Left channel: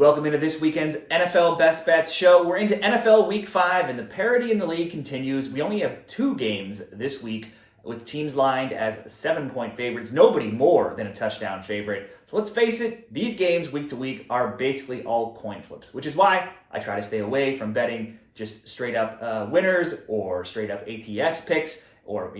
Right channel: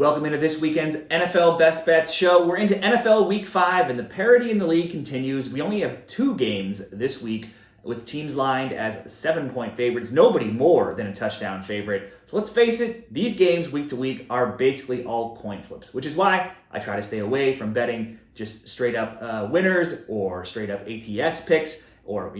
Welcome into this weekend's NFL Best Bets show. We're into NFL Week 5, and the parity in the league continues. We only have 2 games this week with teams lined as 7-point favorites. Nobody more than a touchdown favorite. So let's face it, these games week to week are basically all coin flips, which is why I try to stay away from betting just straight up winners or straight up ATS picks, or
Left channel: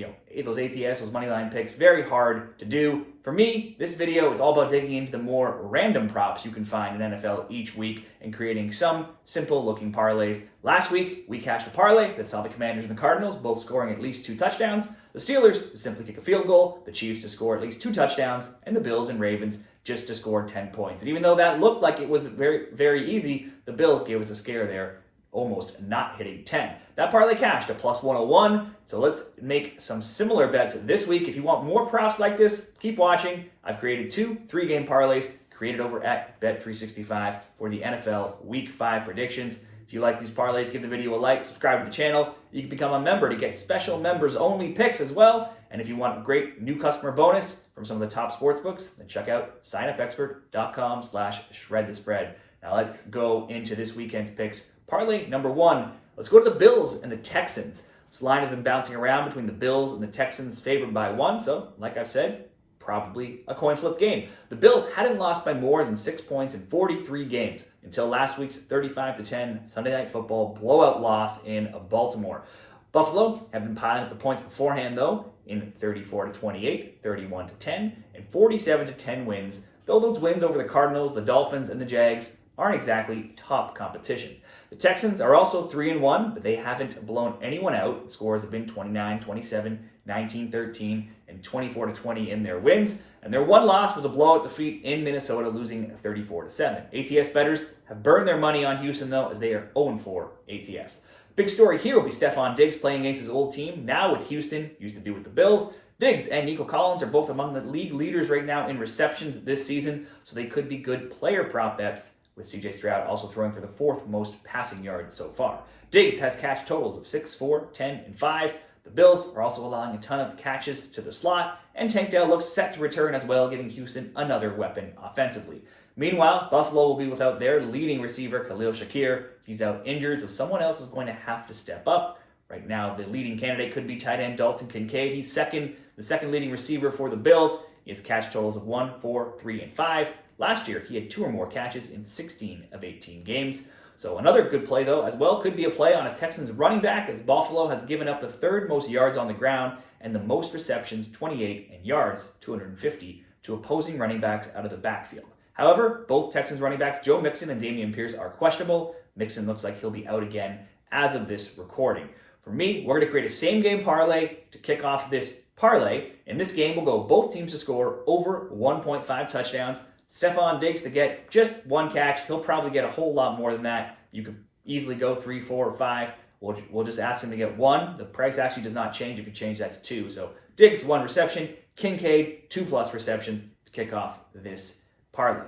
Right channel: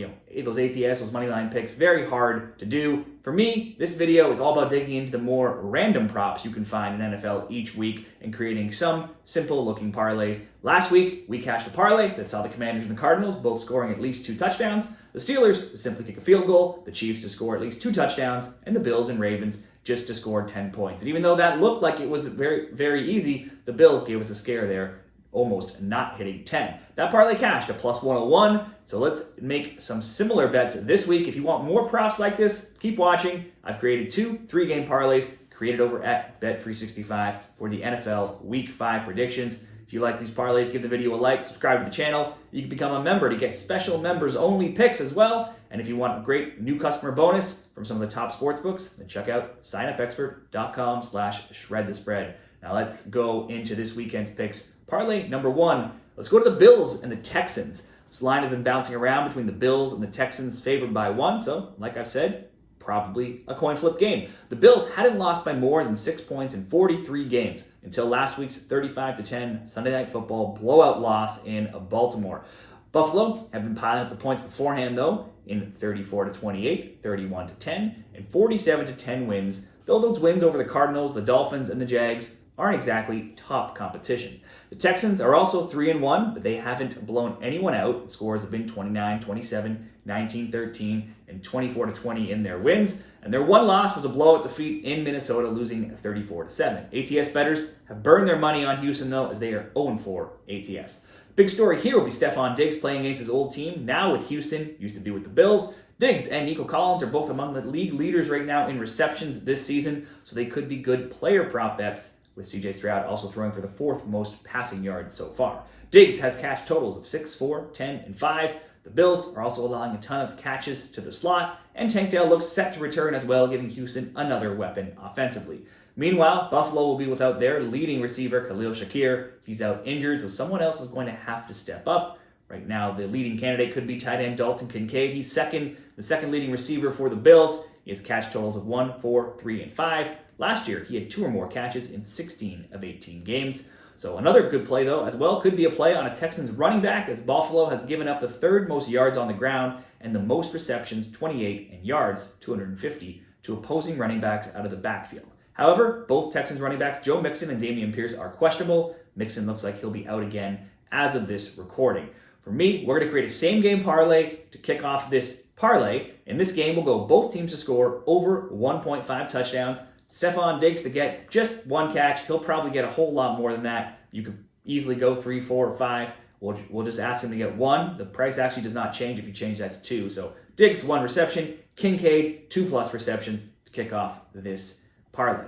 those ATS, those money line picks. Very hard to do. For me, this video is all about digging into the more random props you can find in NFL each week and creating some simple looking parlays. Last week, we cashed a parlay that saw the Commanders and the Cardinals both scoring at least 2 touchdowns, the Steelers to simply kick a field goal, the Chiefs to score at least 2 touchdowns, and the Bills and Ravens just to score 10 points. And even though that looked like it was very, very easy, the Bills gave us a scare there, almost not hitting 10. That parlay cashed a plus 101, so let's make some similar bets this week. If you want more props like this, keep watching. I've created 2 3-game parlays created over at Bet365 for the NFL Week 5 predictions. If you like these parlays, give the video a like, subscribe to the channel. You can become a member to get special members-only picks as well. And if you want a great new customer bonus from some of the top sportsbooks, then check out signupexpert.com/shredthespread. Now let's go into this weekend's picks. Parlay number 1, let's go to the Bills and the Texans. This line has been bouncing around between the Bills and the Texans, favored by 1, so like I've said, probably a coin flip game. The Bills hadn't lost by more than 6 points in 43 games until last week's 35-10 Sunday Night Football blowout loss in Baltimore. Buffalo have been piling up the points beforehand, though, in 34-28, 31-10, and 47-10 wins, though those wins over the Cardinals, the Dolphins, and the Jags aren't exactly top competition. The Texans are also 3-1, but they haven't blown anyone out. The scores have been 29-27, 19-13, and 24-20 in their wins. And their one loss was a blowout defeat in Minnesota, losing 34-7. ATS bettors have burned their money on Houston, though, as they are 0-4 ATS. Big story here will be Stephon Diggs playing against his old team, now with Houston, used to be with the Bills. Diggs and Nico Collins are both among the league leaders right now in receptions this season, so they could be good player prop bets, with CJ Stroud also throwing for the 4th most passing yards so far. Diggs has catch totals of 6, 4, 10, and 5. The Bills are also allowing a ton of catches to the slot, and Tank Dell looks set to return as well, giving Houston another weapon offensively. Meanwhile, Buffalo will be without their leading receiver, Khalil Shakir. He's out injured, so someone else is going to have to step up. Right now, the leading candidate could be tight end Dalton Kincaid. He's the second leading receiver for the Bills. He has catch totals of 1, 4, 3, and 5. Last year, he had 2 or more catches in 16 of 18 games. So another good play, though, as well, could be a play on a Texans running back, as Buffalo has given up the 3rd most yards on the ground and the most receptions, 28, and yards, 250, to opposing running backs out of the backfield. However, both Texans running backs, Joe Mixon and Dameon Pierce, are questionable. Mixon looks like he'll be out again as of this recording. For me, we're going to create a same-game parlay to kick off this parlay. In this game, we'll go both teams to score over 1.5 touchdowns. Stephon Diggs to get just 1 catch. He'll probably get a whole lot more than that. You could easily go 3, 4, or 5. We'll just ask him to get 1. The price actually does not change if you change that to 2. So Diggs, 1 reception. Kincaid, 2+ receptions to kick off this parlay.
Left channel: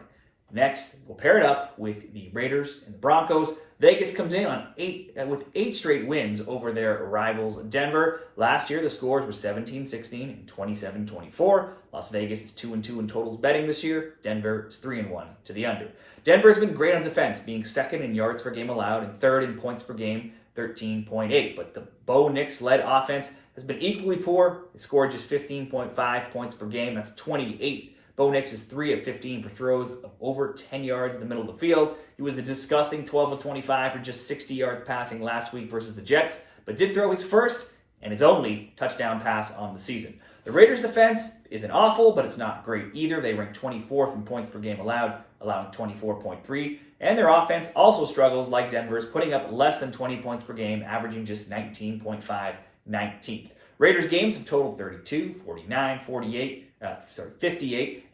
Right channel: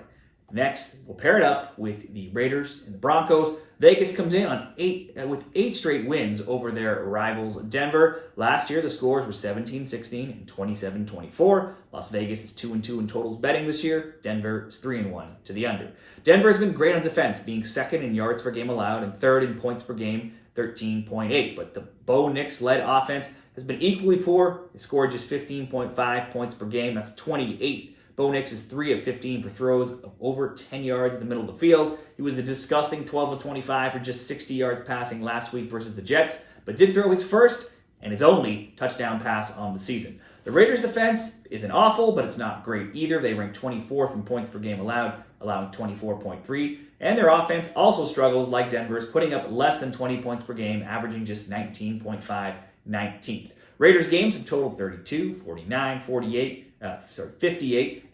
Next, we'll pair it up with the Raiders and the Broncos. Vegas comes in on 8 straight wins over their rivals Denver. Last year, the scores were 17-16 and 27-24. Las Vegas is 2-2 in totals betting this year. Denver is 3-1 to the under. Denver has been great on defense, being 2nd in yards per game allowed and 3rd in points per game, 13.8. But the Bo Nix-led offense has been equally poor. It scored just 15.5 points per game. That's 28th. Bo Nix is 3 of 15 for throws of over 10 yards in the middle of the field. He was a disgusting 12 of 25 for just 60 yards passing last week versus the Jets, but did throw his first and his only touchdown pass on the season. The Raiders' defense isn't awful, but it's not great either. They rank 24th in points per game allowed, allowing 24.3. And their offense also struggles like Denver's, putting up less than 20 points per game, averaging just 19.5, 19th. Raiders games have totaled 32, 49, 58,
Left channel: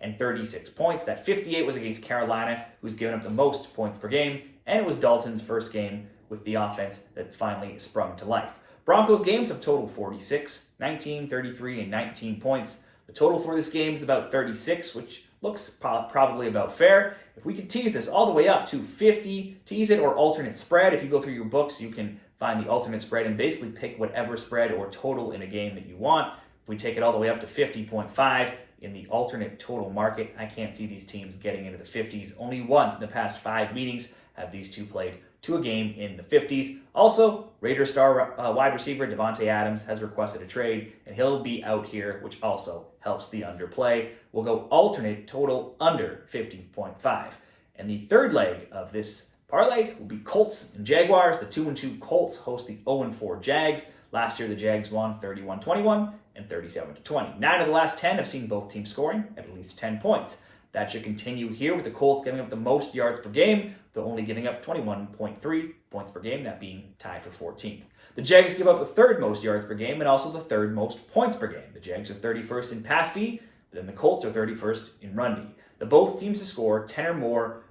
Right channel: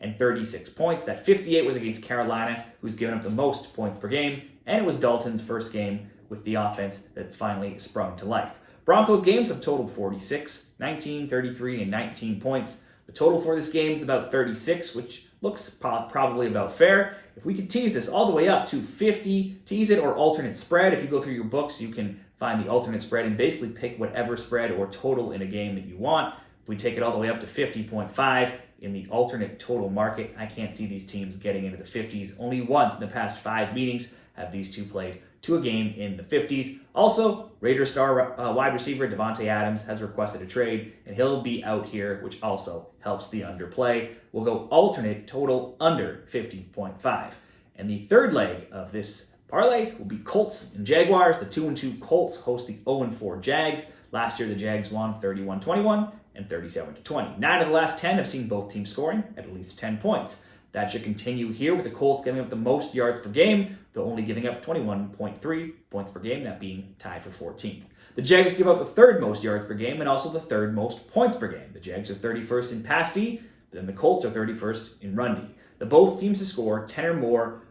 and 36 points. That 58 was against Carolina, who's given up the most points per game, and it was Dalton's first game with the offense that's finally sprung to life. Broncos games have totaled 46, 19, 33, and 19 points. The total for this game is about 36, which looks probably about fair. If we could tease this all the way up to 50, tease it or alternate spread. If you go through your books, you can find the alternate spread and basically pick whatever spread or total in a game that you want. If we take it all the way up to 50.5, in the alternate total market. I can't see these teams getting into the 50s. Only once in the past 5 meetings have these two played to a game in the 50s. Also, Raiders star wide receiver Devontae Adams has requested a trade, and he'll be out here, which also helps the underplay. We'll go alternate total under 50.5. And the third leg of this parlay will be Colts and Jaguars. The 2-2 Colts host the 0-4 Jags. Last year, the Jags won 31-21 and 37-20. 9 of the last 10 have seen both teams scoring at least 10 points. That should continue here with the Colts giving up the most yards per game, though only giving up 21.3 points per game, that being tied for 14th. The Jags give up the third most yards per game and also the third most points per game. The Jags are 31st in pass D, but then the Colts are 31st in run D. The both teams to score 10 or more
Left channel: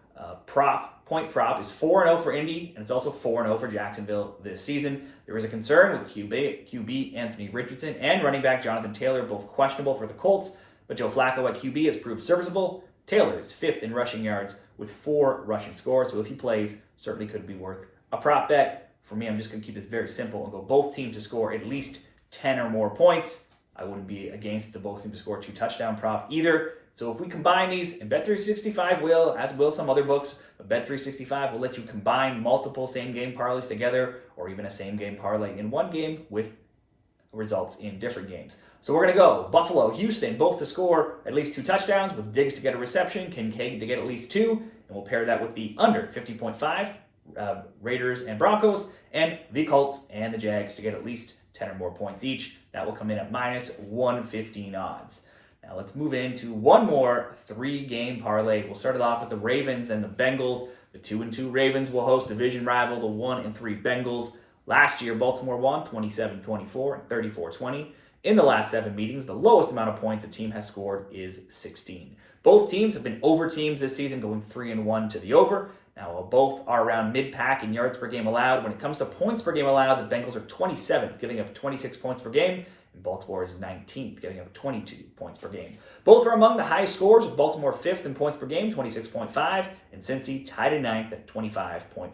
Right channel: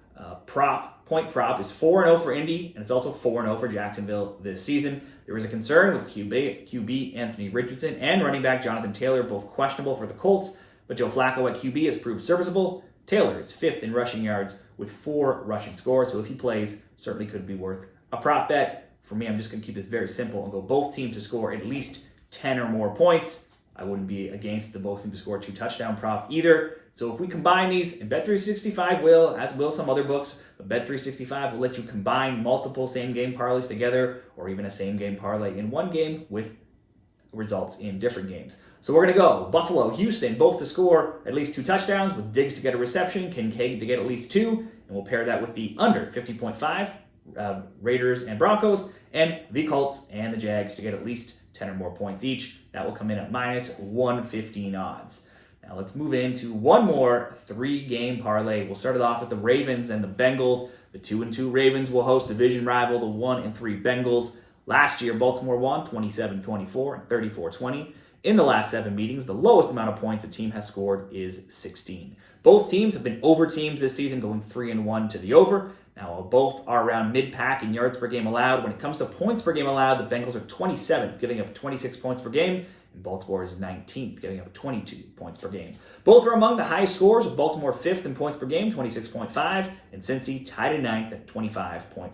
point prop is 4-0 for Indy, and it's also 4-0 for Jacksonville this season. There is a concern with QB Anthony Richardson and running back Jonathan Taylor, both questionable for the Colts, but Joe Flacco at QB has proved serviceable. Taylor is 5th in rushing yards with 4 rushing scores, so if he plays, certainly could be worth a prop bet. For me, I'm just going to keep this very simple and go both teams to score at least 10 or more points. I wouldn't be against the both teams to score 2 touchdown prop either. So if we combine these, and Bet365 will, as will some other books, but Bet365 will let you combine multiple same-game parlays together or even a same-game parlay in one game with results in different games. So we're going to go Buffalo, Houston, both to score at least 2 touchdowns with Diggs to get a reception, Kincaid to get at least 2, and we'll pair that with the under 50.5, Raiders and Broncos, and the Colts and the Jags to get at least 10 or more points each. That will come in at minus 115 odds. Now let's move into one more 3-game parlay. We'll start it off with the Ravens and the Bengals. The 2-2 Ravens will host division rival, the 1-3 Bengals. Last year, Baltimore won 27-24 and 34-20. In the last 7 meetings, the lowest amount of points a team has scored is 16. Both teams have been over teams this season, going 3-1 to the over. Now, while both are around mid-pack in yards per game allowed, when it comes to points per game allowed, the Bengals are 27th, giving up 26 points per game, and Baltimore is 19th, giving up 22 points per game. Both are among the highest scores, with Baltimore 5th in points per game, 26.5, and Cincy tied in 9th at 25.5.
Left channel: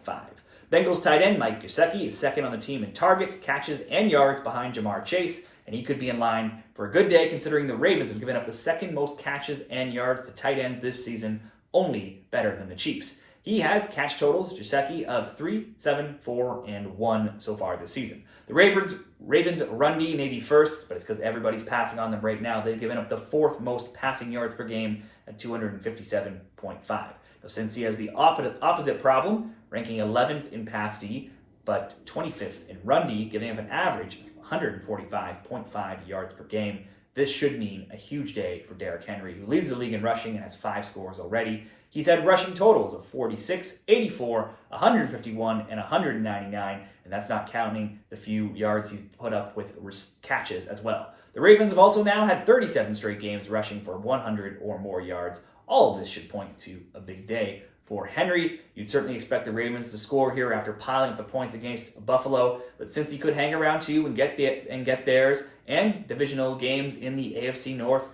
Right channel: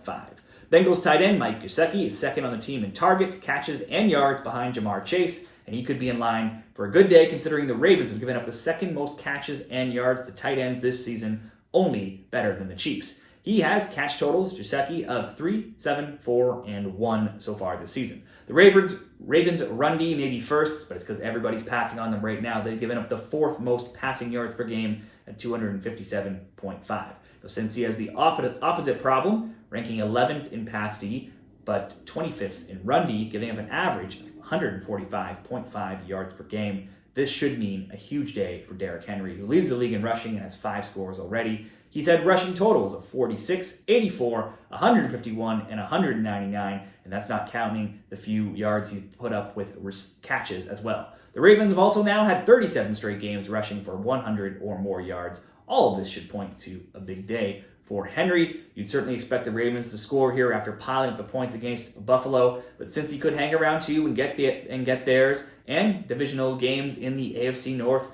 Bengals tight end Mike Gesicki is 2nd on the team in targets, catches, and yards behind Jamar Chase, and he could be in line for a good day considering the Ravens have given up the 2nd most catches and yards to tight end this season, only better than the Chiefs. He has catch totals, Gesicki, of 3, 7, 4, and 1 so far this season. The Ravens run D may be first, but it's because everybody's passing on them right now. They've given up the 4th most passing yards per game at 257.5. Now, since he has the opposite problem, ranking 11th in pass D, but 25th in run D, giving up an average of 145.5 yards per game. This should mean a huge day for Derrick Henry, who leads the league in rushing and has 5 scores already. He's had rushing totals of 46, 84, 151, and 199, and that's not counting the few yards he's put up with catches as well. The Ravens have also now had 37 straight games rushing for 100 or more yards. All of this should point to a big day for Henry. You'd certainly expect the Ravens to score here after piling up the points against Buffalo, but since he could hang around too and get theirs, and divisional games in the AFC North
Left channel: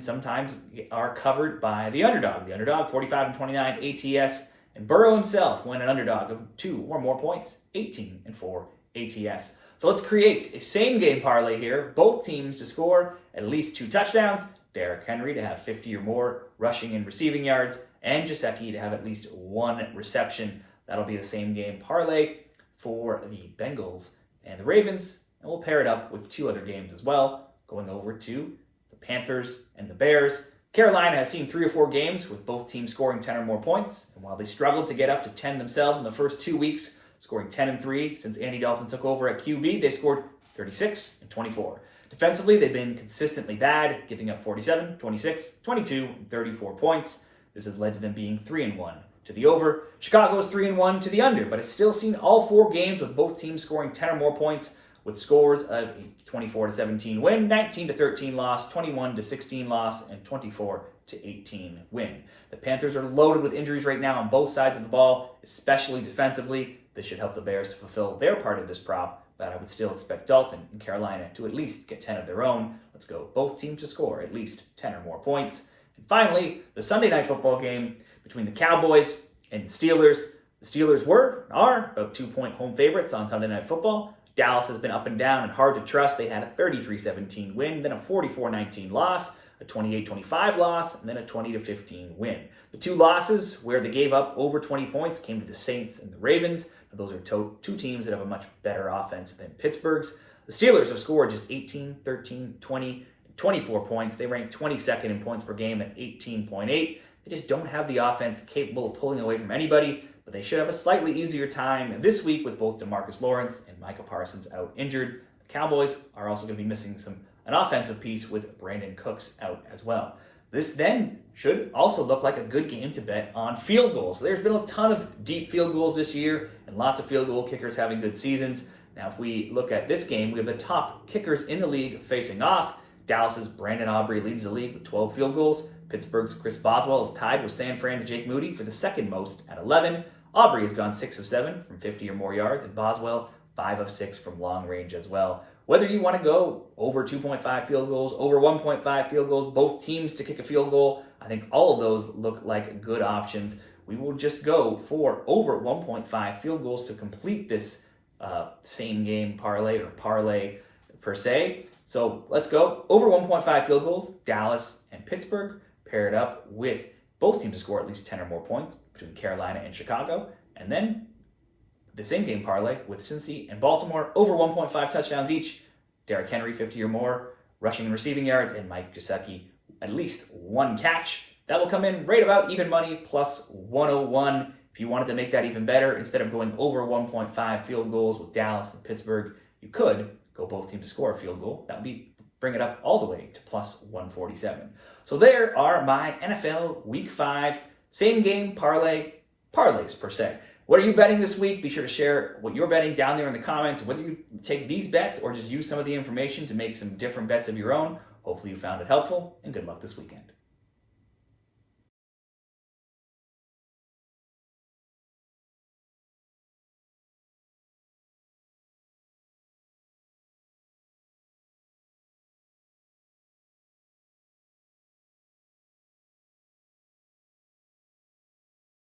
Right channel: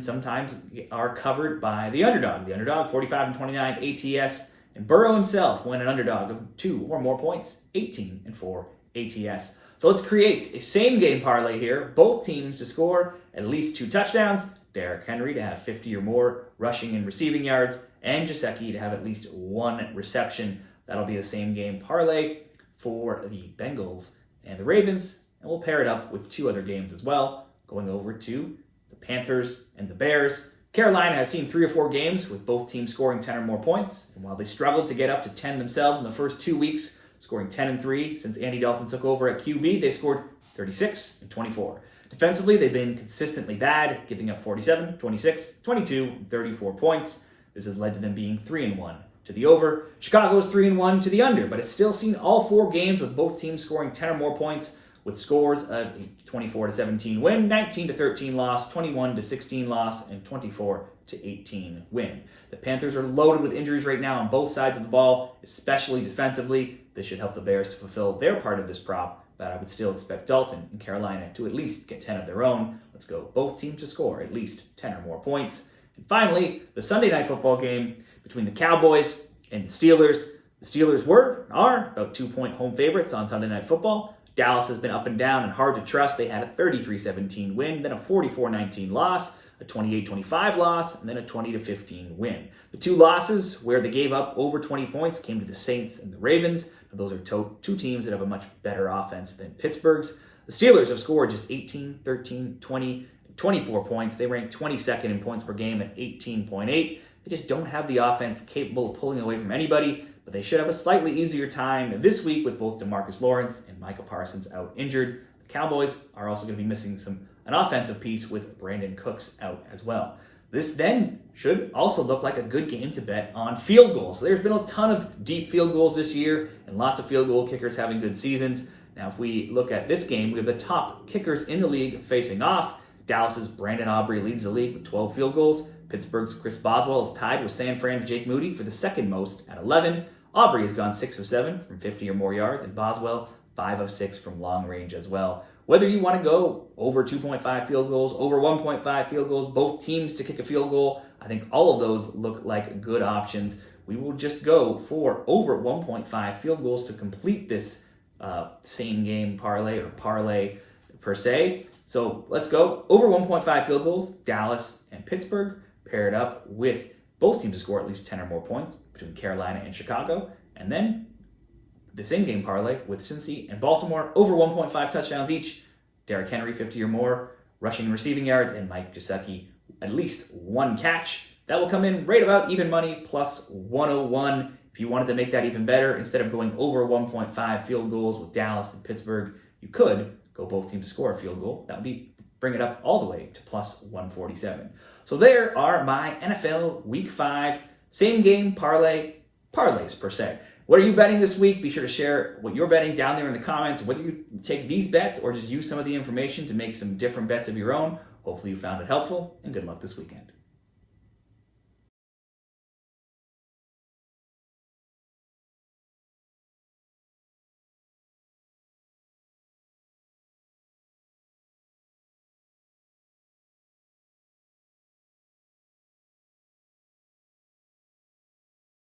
sometimes are covered by the underdog. The underdog, 45-29 ATS, and Burrow himself won an underdog of 2 or more points, 18-4 ATS. So let's create a same-game parlay here. Both teams to score at least 2 touchdowns, Derrick Henry to have 50 or more rushing and receiving yards, and Gesicki to have at least 1 reception. That'll be the same-game parlay for the Bengals and the Ravens, and we'll pair it up with 2 other games as well, going over to the Panthers and the Bears. Carolina has seen 3 or 4 games with both teams scoring 10 or more points, and while they struggled to get up to 10 themselves in the first 2 weeks, scoring 10-3 since Andy Dalton took over at QB, they've scored 36 and 24. Defensively, they've been consistently bad, giving up 47, 26, 22, and 34 points. This has led to them being 3-1 to the over. Chicago is 3-1 to the under, but it's still seen all 4 games with both teams scoring 10 or more points, with scores of a 24-17 win, 19-13 loss, 21-16 loss, and 24-18 win. The Panthers are loaded with injuries right now on both sides of the ball, especially defensively. This should help the Bears to fulfill their part of this prop, but I would still expect Dalton and Carolina to at least get 10 of their own. Let's go both teams to score at least 10 or more points. And finally, the Sunday night football game between the Cowboys and the Steelers. The Steelers are about 2-point home favorites on Sunday Night Football. Dallas has been up and down and hard to trust. They had a 33-17 win, then a 44-19 loss. a 28-25 loss, and then a 20-15 win. The two losses where they gave up over 20 points came to the Saints and the Ravens. Now, those are two teams that have a much better offense than Pittsburgh's. The Steelers have scored just 18, 13, 20, 24 points. They rank 22nd in points per game at 18.8. They just don't have the offense capable of pulling away from anybody, but they should have a slightly easier time this week with both DeMarcus Lawrence and Micah Parsons out injured. The Cowboys are also going to be missing an offensive piece with Brandon Cooks out as well. This then should also look like a good game to bet on field goals. So there's been a ton of deep field goals this year and lots of field goal kickers having good seasons. Now, if we look at this game, we have the top kickers in the league facing off. Dallas's Brandon Aubrey leads the league with 12 field goals. Pittsburgh's Chris Boswell is tied with San Fran's Jake Moody for the second most at 11. Aubrey has gone 6 of 7 from 50 or more yards, and Boswell 5 of 6 from long range as well. Whether you want to go over 2.5 field goals, over 1.5 field goals, both teams to kick a field goal, I think all of those look like good options. We will just go for over 1.5 field goals to complete this same game parlay or parlay per se. So let's go over 1.5 field goals, Dallas and Pittsburgh, paired up with both teams to score at least 10 or more points between Carolina and Chicago. And then the same game parlay with Cincy and Baltimore, over 1.5 touchdowns each, Derrick Henry 50 or more, rushing and receiving yards, and Mike Gesicki at least one catch. That will come in right about even money, plus 101. If you wanted to make that even better, instead of going over 1.5 field goals with Dallas and Pittsburgh, you could go both teams to score a field goal. That would bring it up all the way to plus 147. So there are my NFL Week 5 same game parlays per se. What are you betting this week? Be sure to share what you're betting down there in the comments, whether you take these bets or just use some of the information to make some different bets of your own. Hopefully you found it helpful, and good luck this weekend.